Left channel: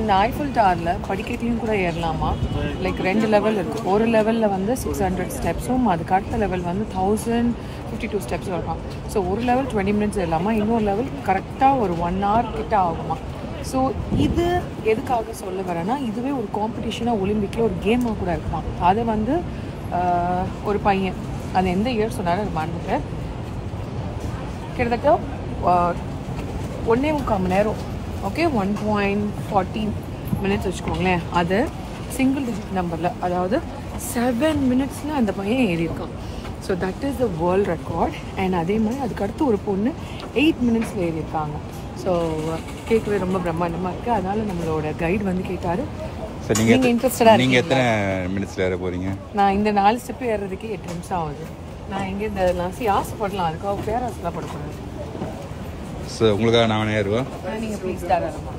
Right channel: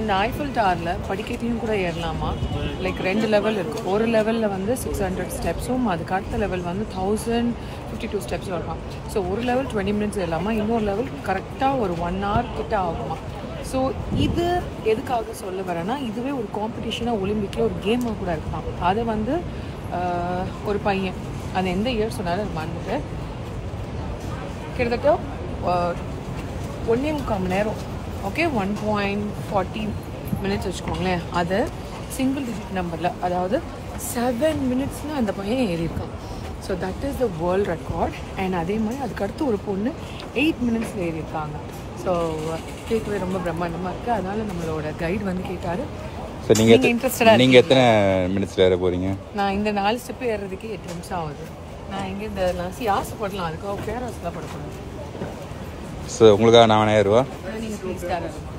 இந்த ஐஃபில் டவரில் படிக்கட்டையும் கூட ஏறலாமா. Like 2 level இருக்குது. ஒரு லெவலில் வந்து 600 ஸ்டெப்ஸும் அதுக்கு அடுத்த லெவல் வந்து 1052 ஸ்டெப்ஸும் இருக்கும். ஸோ ஒரு லெவல் 20 மினிட்ஸ் ஏறலாமா, இன்னொரு லெவல் கரெக்டாக ஒரு 1 hour கிட்ட ஆகுமா. ஸோ இது எதுக்காக சொல்ல வரேன்னா, இதுவே ஒரு காம்படிஷனாக ஒலிம்பிக்கில் ஒரு கேமாக கூட இருக்கலாம். அது வந்து ஒரு பையன், அது எந்த இயர் சொன்னாலும் மறந்துட்டேன், கிட்டத்தட்ட 1.25 மணி நேரம், ஓகே 1.40 மினிட்ஸ் வச்சுக்கோங்களேன். அது சிங்கிள் டிஜிட் நம்பரில், அதாவது 7 மினிட்ஸில் அந்த பையன் ஏறியிருக்கான். So that is the world record. And அதே மாதிரி அதுக்கடுத்து ஒரு பொண்ணு 8 மினிட்ஸில் ஏறியிருக்காங்க. ஸோ கேட்கவே ரொம்ப பிரம்மாண்டமாக இருக்குது. அதனால நம்மளோட கைடு வந்து கேட்டார், நீங்கள் இன்ட்ரெஸ்டடாக நீங்கள் எத்தனை மினிட்ஸில் ஏற போகிறீங்க? நான் இந்த 4 ஸ்டெப்பு ஏறுறதுக்கே 8 நிமிஷம் ஆகுது. நான் இங்கே இந்த ஆசைப்படலாம், அதுக்காக பேராசெலாம் படக்கூடாது. ஸோ உங்களுக்காக 4000 ரூபா. நீங்கள் ப்ளீஸ் தாராளமாக